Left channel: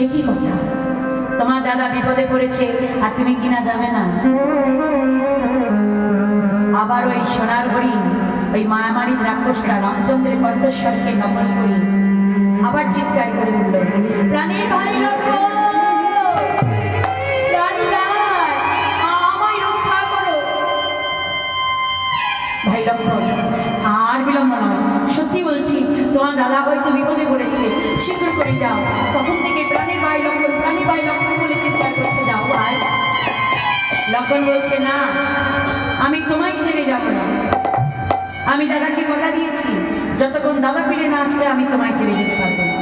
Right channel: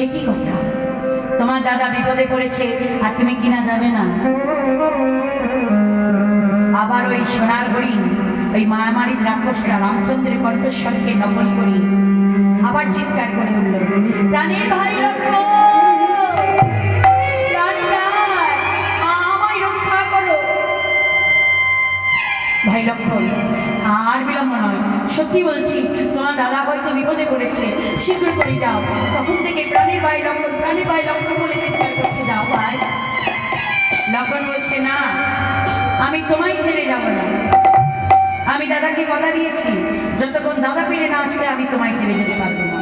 সে কি কথা? তোমার দাদা বিপদে পড়েছে আর তুমি কিনা যাবে না। আবার ওই সোনার হরিণ, ওই মায়ামারির রাক্ষসটা রামচন্দ্রের কণ্ঠস্বরকে নকল করি আবার চিৎকার করে উঠল, প্রাণের ভাই লক্ষ্য! ভাই লক্ষণ আর বিলম্ব নয়। সত্যি বলছি, তোমার দাদা হয়তো বিপদে পড়েছে। সিঁদুর করে যাও। তখন থেকে প্রাণের ভাই লক্ষণ প্রাণী ভাই লক্ষণ বলে চিৎকার করছে। যাও ভাই লক্ষণ বলছে, না, আমি তোমায় ছেড়ে যাব না। আমি দাদাকে কথা দিয়েছি। যতক্ষণ দাদা ফিরে না আসবে, আমি তোমায় ছেড়ে যেতে পারব না।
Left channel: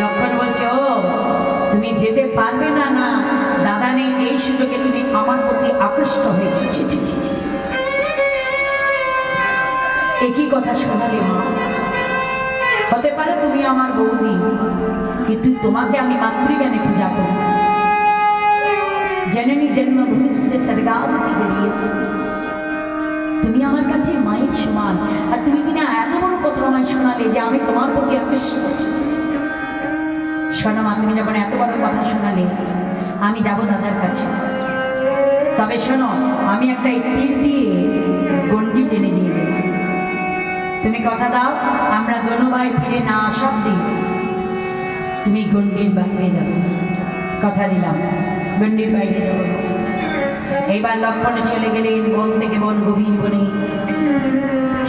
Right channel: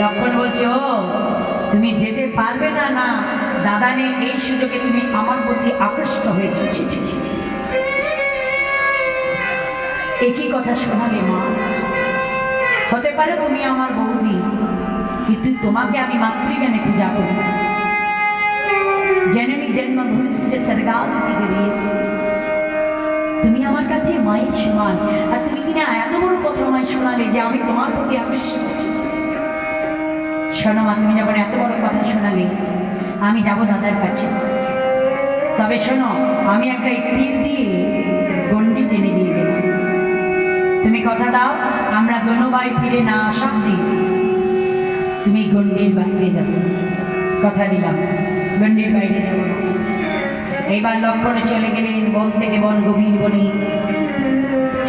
লক্ষণ বলছে তুমি যেতে পারবে না না দাদা নেই এই সুযোগে তুমি আমার প্রতি আকৃষ্ট হয়েছ। একই কথা শোনালে মা। হতে পারে তুমি আমার বৌদি, কিন্তু তোমাকে আমি মাতৃজ্ঞানে পূজা করি। জননী জন্ম ভবিষ্যৎ সরগালকে গিরিয়েছি তুমি আমার কাছে মায়ের সমান, আর তুমি কিনা এত বড় কথা আমায় শোনালে যে আমি তোমার প্রতি আকৃষ্ট। শোনো মা, তুমি যখন এত বড় কথা শোনালে আমি যাব দাদার কাছে। তবে শোনো, আমি একটা তীর দিয়ে গন্ডি টেনে দিয়ে দেব তুমি কথা দাও, আমরা দোনো ভাই ফিরে না আসা অব্দি তুমি গন্ডির বাইরে যাব কথা দিলাম, গন্ডির বাইরে যাব এইবার লক্ষণে চলে গেলেন বন থেকে বন গভীর বনে।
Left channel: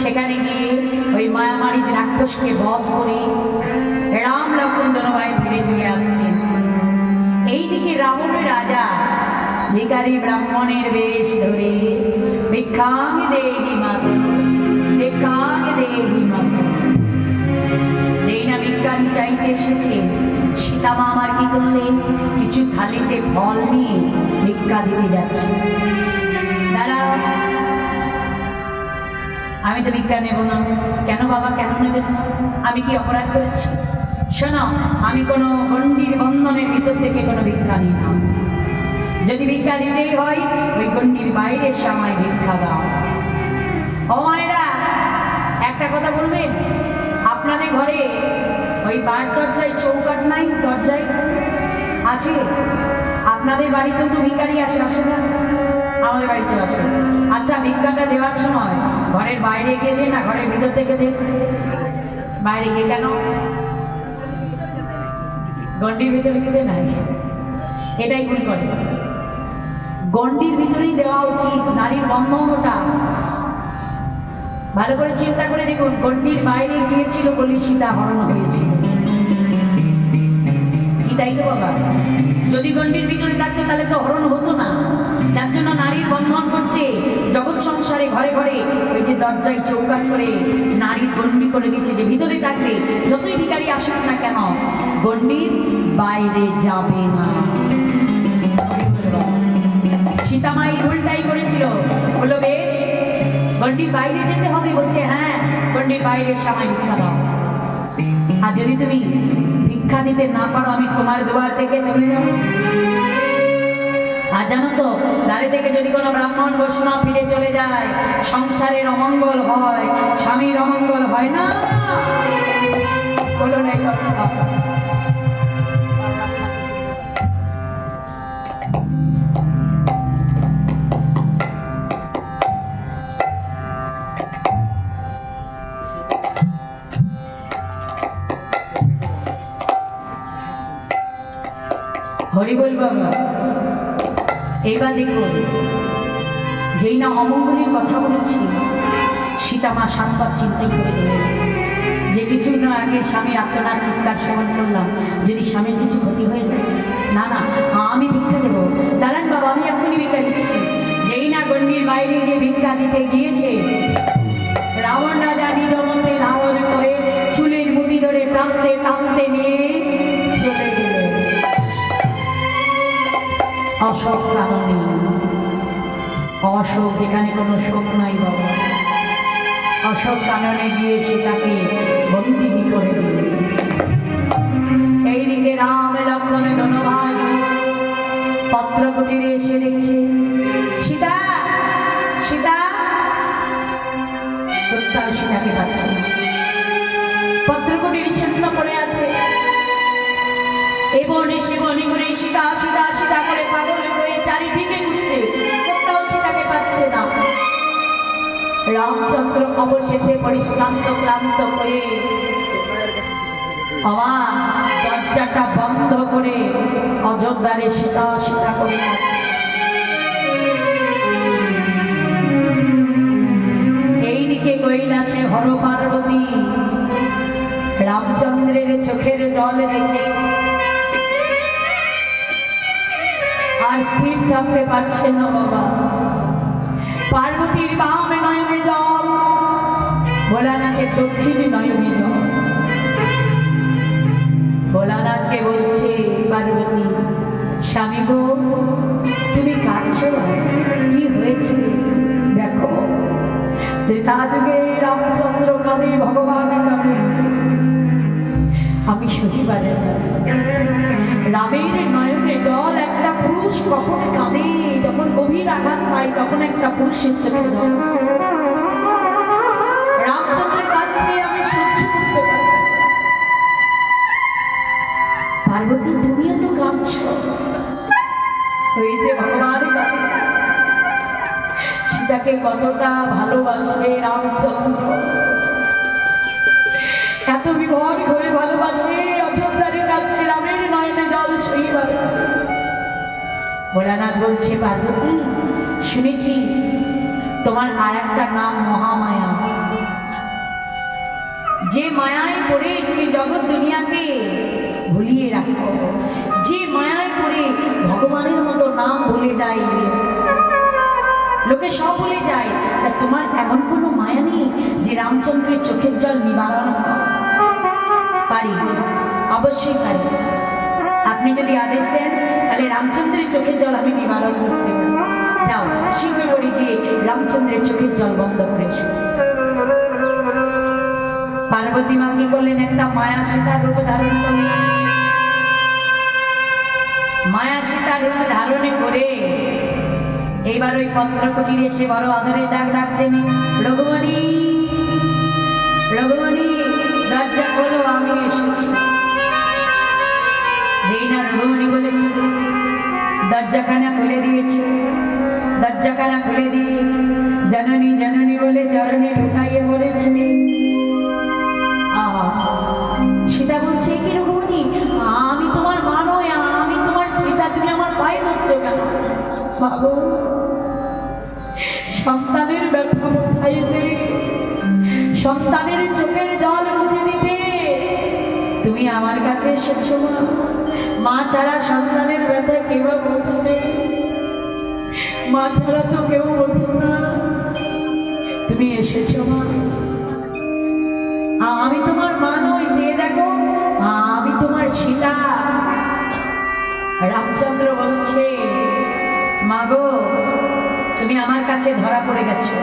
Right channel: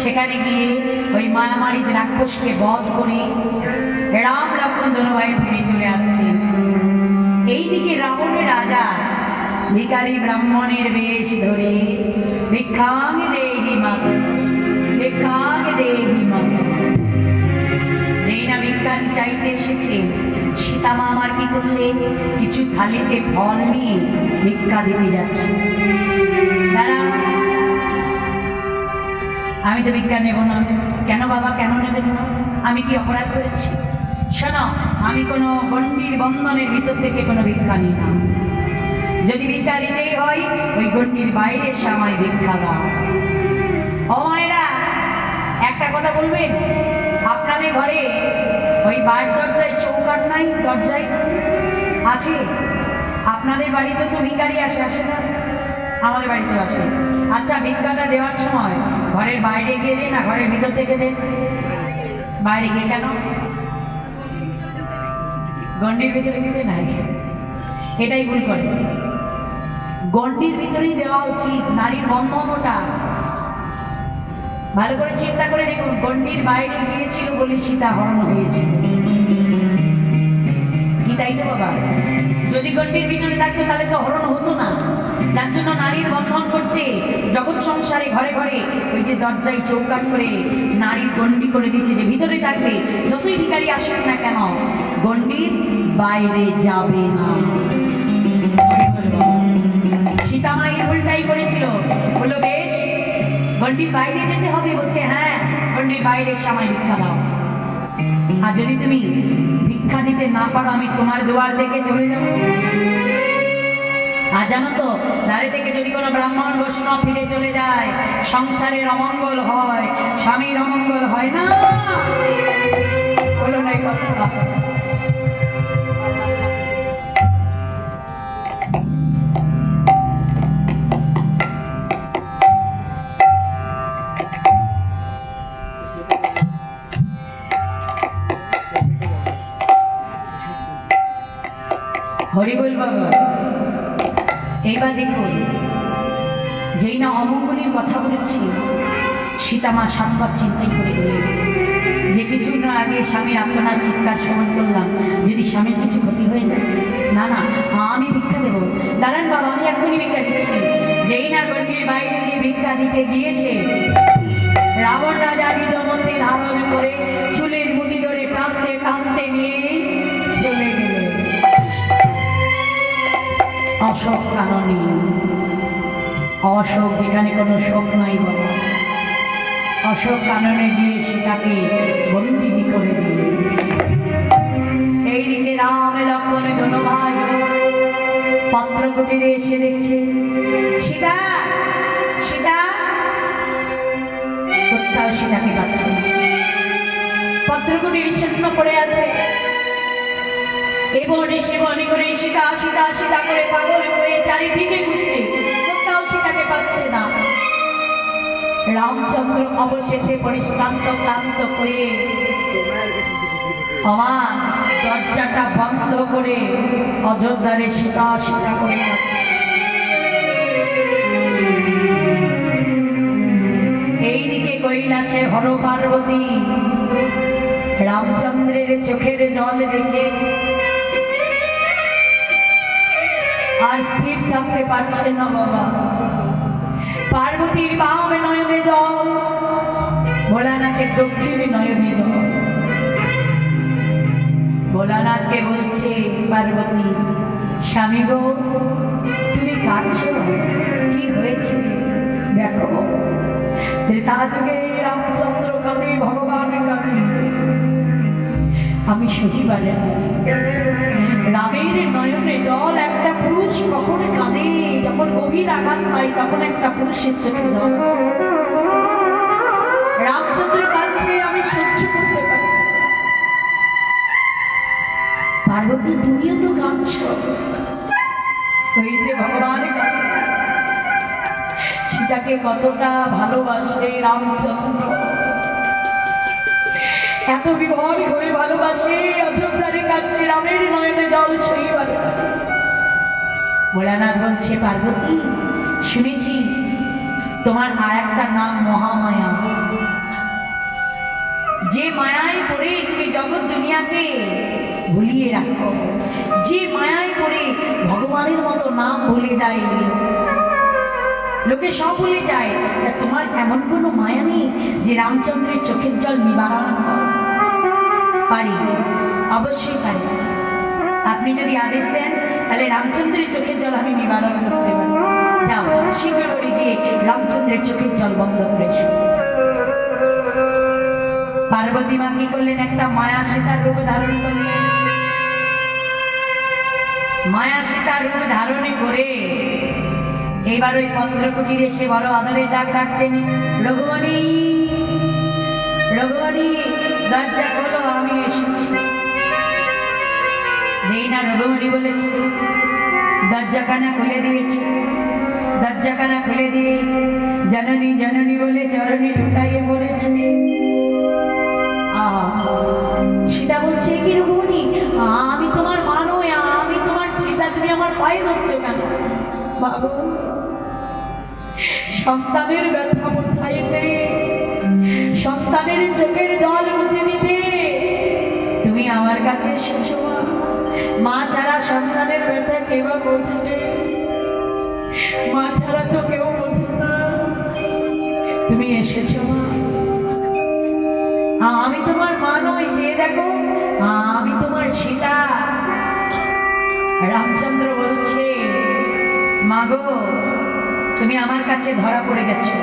সেখানে গিয়ে ওই মায়ামারি রাক্ষসকে বধ করে রাম লক্ষণ দোনোভাই ফিরে চলে আসছেন। এইদিকে রাবণের রাজা, ভিকারি ব্রাহ্মণের বেশ ধরে ভিক্ষাং দেহি মাত, ভিক্ষাং দেহি মাত। যেই না বিজ্ঞান চাইতে এসেছে সীতামা আমার কি করলে? কিছু থালিতে ফল নিয়ে ভিক্ষা দিতে যাচ্ছে। দাঁড়াও। আমি তো ভিক্ষা নেব না। কেন বাবা, কেন নেবেন না? আমি কি অপরাধ করেছি? শোনো আমি কোনো গণ্ডির বন্ধনের ভিতর থেকে কোনো ভিক্ষা নিই না। যদি ভিক্ষা নিতেই হয়, ওই গণ্ডির বাইরে এসে আমায় ভিক্ষা দাও। ও মায়েরা, একটা কথা বলবেন? আপনাদের ঘরে ওই বার দরজায় চৌকাট নাই? দরজায় আছে? আপনাদের বাড়িতেও তো ভিখারি আসে আসে না? আমাদের বাড়িতেও আসে। আচ্ছা ভিক্ষাটা দেওয়ার সময় ঘরের বাইরে গিয়ে দেন না? ঘরের ভিতর থেকে দেন। বাইরে গিয়ে কেন? গন্ডির ভিতরে দিতে নাই। এটাই ভুল করে গন্ডির ভিতরেই দেওয়া উচিত নারীর বন্ধন ওটা ভালো করে চিন্তা করে দেখুন গন্ডির বাইরে গিয়েছিল বলে সীতা হরণ হয়েছিল। কি তাই তো বাবা? যদি গন্ডির ভিতরে থাকতে তাহলে তো হরণ হতো না। যার জন্য নারীর বন্ধন করতে, জগৎ সংসারে ঘরে ঘরে ওই যে দরজায় চৌকাট করে নারীর গন্ডি করে দিয়েছে যে ভিতরে থাকতে যতই ভিখারি আসুক না কেন গন্ডির বাইরে যাবে না। সীতামা এই ভুলটাই করেছিল। বলল, বেশ গন্ডির বাইরে যেতে হবে। বলছে হ্যাঁ গন্ডির বাইরে সময় ভিক্ষা দাও। আর যদি তুমি ভিক্ষা দিতে না পারো, আমি তোমার দুয়ার দেখে চলে যাব। জানো তো দাঁড়ে থেকে যদি কোনো ব্রাহ্মণ, বৈষ্ণব ফিরে চলে যায়, সংসারের অমঙ্গল হয়, স্বামীর অমঙ্গল হয় না? হরিবল বাবা এবার দেখুন, যেই না অমঙ্গলের কথা বলেছি সীতা মা সাতবার চিন্তাই করে দিলেন যে কিছু না আগে স্বামীর আত্মনাথ চিৎকার স্মরণ করলাম, যদি স্বামীর কিছু ক্ষতি হয়ে যায়, না না, আমি ভিক্ষা দেবো। দাঁড়ান বাবা, আমি এখনই ভিক্ষা দিচ্ছি। যেই না গণ্ডির বাইরে গিয়ে ভিক্ষা দিতে গিয়েছে অশোক কাননী অশোক যেখানে কোনো শোক নাই বাবা। অশোক কাননে গিয়ে সেটাকে বন্দিনী করে দিল এইদিকে রাম লক্ষণে ধনো ভাই পত্র কুটিরে এসে দেখছে, সীতা সীতা। কোথাও সীতাকে পাচ্ছে। না পত্র কুটির পড়ে আছে। এমন এসে মনে করে সীতা সীতা সীতা করে পাগল হয়ে চারিদিকে ঘুরছে। কোথাও সীতাকে পাচ্ছে না। রামচন্দ্র অবশেষে পরিশ্রান্ত, ক্লান্ত হয়ে আমার দরজাটা বন্ধ করে অযোধ্যারে সীতা সীতা করে এইদিকে কৈলাসে হর পার্বতী, রামচন্দ্রের চোখের জল দেখে স্থির থাকতে পারছে না বাবা। পার্বতীর বামে নয়নে জল, ভোলানাথের দক্ষিণে নয়নে জল। ভোলানাথকে বলছে, পার্বতী, স্বামী গো, তুমি কাঁদছ? কি হয়েছে? দেখো ত্রেতা যুগে রামচন্দ্র কাঁদে, ভগবান কাঁদে। আমি সহিবারে রামের নয়নে জল পুরুষ কখন কাঁদে, যখন গভীর আঘাত পায়, তখন একটা পুরুষের চোখে জল রামচন্দ্র কাঁদছে, আমি সহ্য করতে পারছি পার্বতী, তুমিও তো কাঁদছ। যে ভগবান সীতাকে কতটা ভালোবাসে রামচন্দ্র। এত বিভর হয়ে ভালোবাসে অযোধ্যারে ভোলানাথ বলছে, পার্বতী, শুনেছি তোমার আর একটা নাম মহামায়া। যে মায়ায় পড়ে তুমি জগৎ দুনিয়াকে ভুলিয়ে রাখো। যে মায়ায় পড়ে ভগবানের মতো নাম ভুলে যায়। লোকে সব ভুলে যায়। তা তোমার এমন কোনো মায়া নেই যে রামচন্দ্রের চোখের জল নিবারণ? পারি? অবশ্যই পারি। আপনি যদি আদেশ দেন তাহলে রামচন্দ্রের চোখের জল আমি নিবারণ করতে পারি। যাও করে গিয়ে রামচন্দ্রের চোখের জল বন্ধ করে পার্বতী মা কি করলেন? একটা মায়া সীতার রূপ ধারণ করলেন। মায়া সীতার রূপ ধারণে করে এইবার ওই পত্র কুটিরে এসে বড় আদরে ডাক ডাকছেন, রঘুমণি রঘুমণি, দরজা খোলো, আমি এসেছি। যেই না বলেছে, দরজাখানা খুলে দিয়েছে। দরজাখানা খুলে দিয়ে জননী জননী বলে চরণে ঢুকাইয়ে বলেছে। সীতা বলছে, কি রঘুমণি আমি তোমার মা নই, আমি তোমার সীতা, তুমি আমার পায়ে ধরছো কেন? বাবু, সন্তানের ব্যথা মোছাইতে, সন্তানের চোখের জল মুছে দিতে, তুমি আমার কাছে এসেছ মা। মা ছাড়া সন্তানের ব্যথা কেউ বুঝবে। মা ছাড়া তো কেউ বোঝে না। তুমি এসেছ মা। আমি তোমার মা নই, যে দেখো। আমি তোমার সীতা। রামচন্দ্র বলছে মাগো তুমি আমার কাছে ধরা পড়ে গেছো।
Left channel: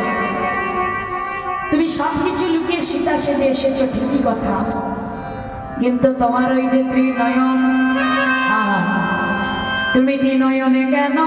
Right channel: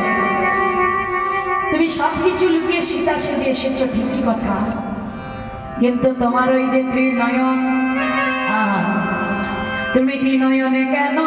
তুমি সব কিছু লুকিয়ে সীতা সেজে এসেছ, ঠিকই কথা। কিন্তু তোমার ওই যে ত্রিনয়ন তুমি কি নয়নে কেন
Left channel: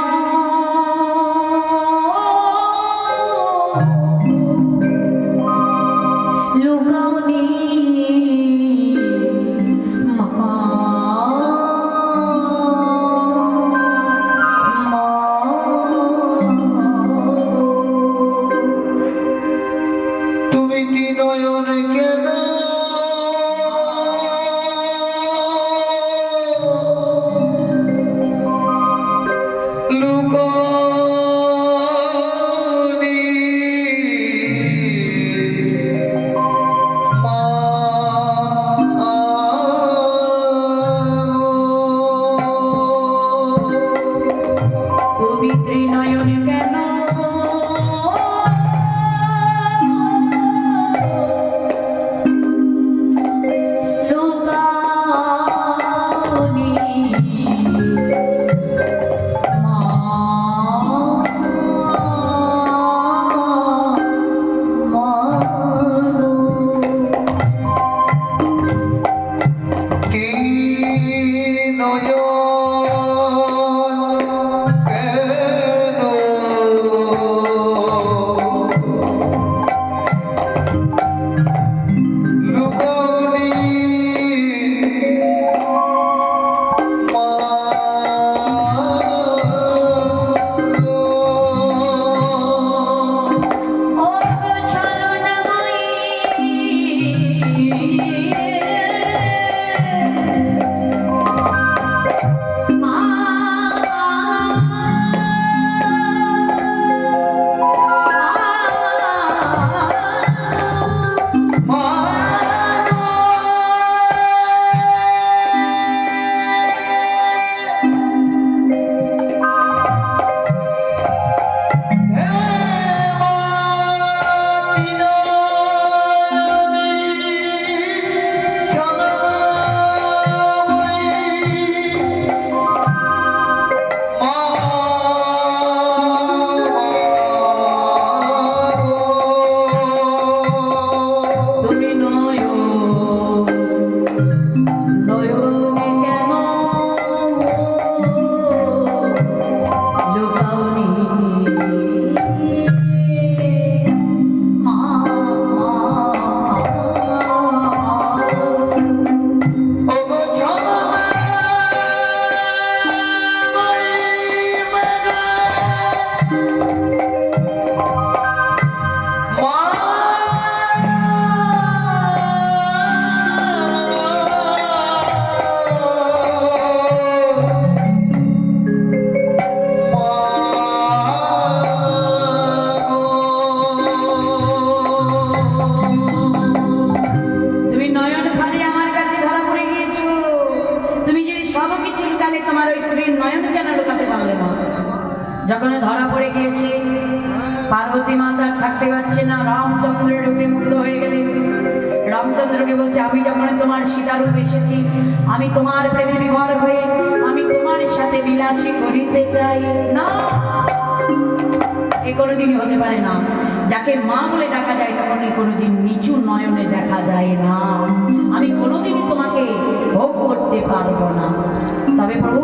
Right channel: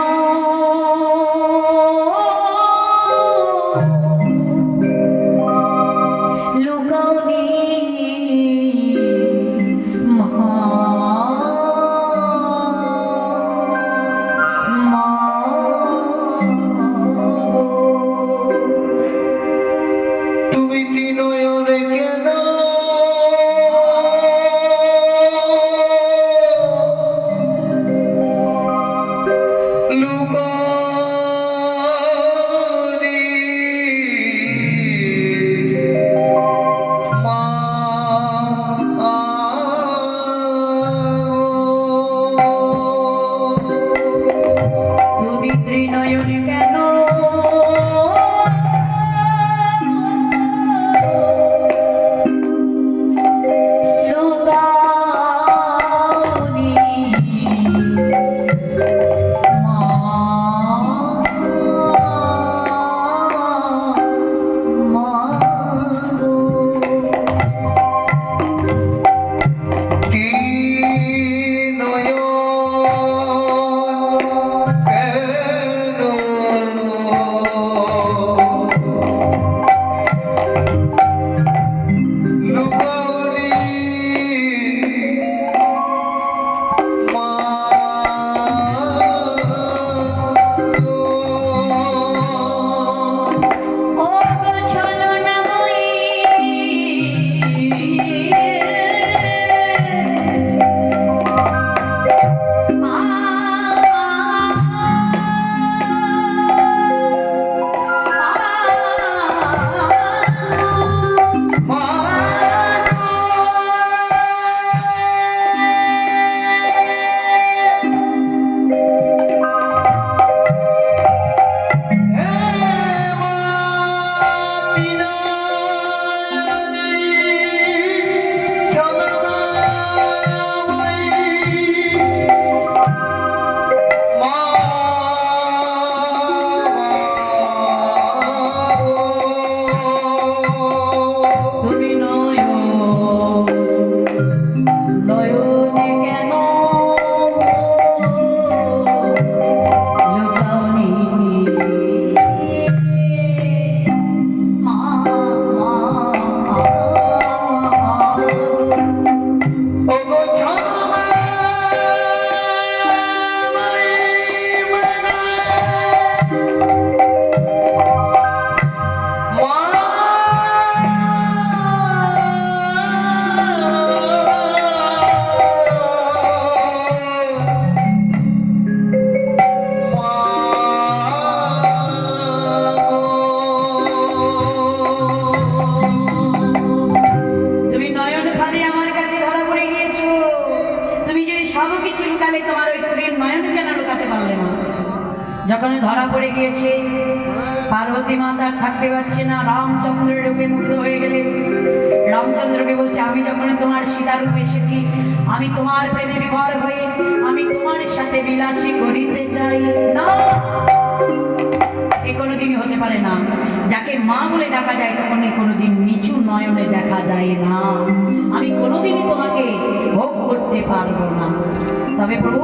রামচন্দ্রকে বলছে, আমি যখন তোমার সীতারূপ এসেছি, আমি তোমার প্রেমে বিভর হয়ে, আমি তোমার সাথে বিলাসী করিতে চাই। না। এ কোনোদিনই হতে পারে না। যাকে মা বলে ডাকা যায়, তখন এ কোনোদিন নিচু নয়নে দেখা যায় না। আমি কোনোদিনই তোমাকে ভোগ করতে পারব না। তবে প্রভু,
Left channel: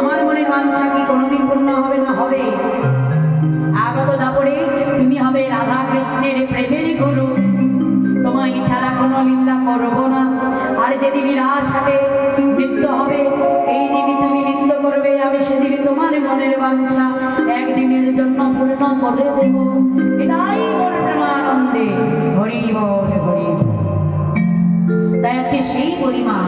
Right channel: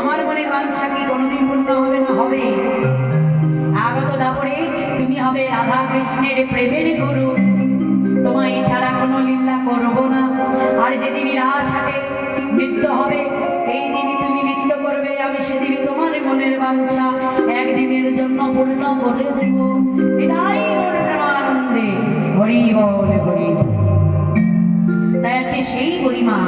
আমার মনে বাঞ্ছা কি কোনোদিন পূর্ণ হবে না? হবে। আগত দাপরে তুমি হবে রাধা কৃষ্ণের প্রেমের করে দেব এটাই প্রেমানন্দে হরি বল হরি। তাই আজকে সেই গরিমা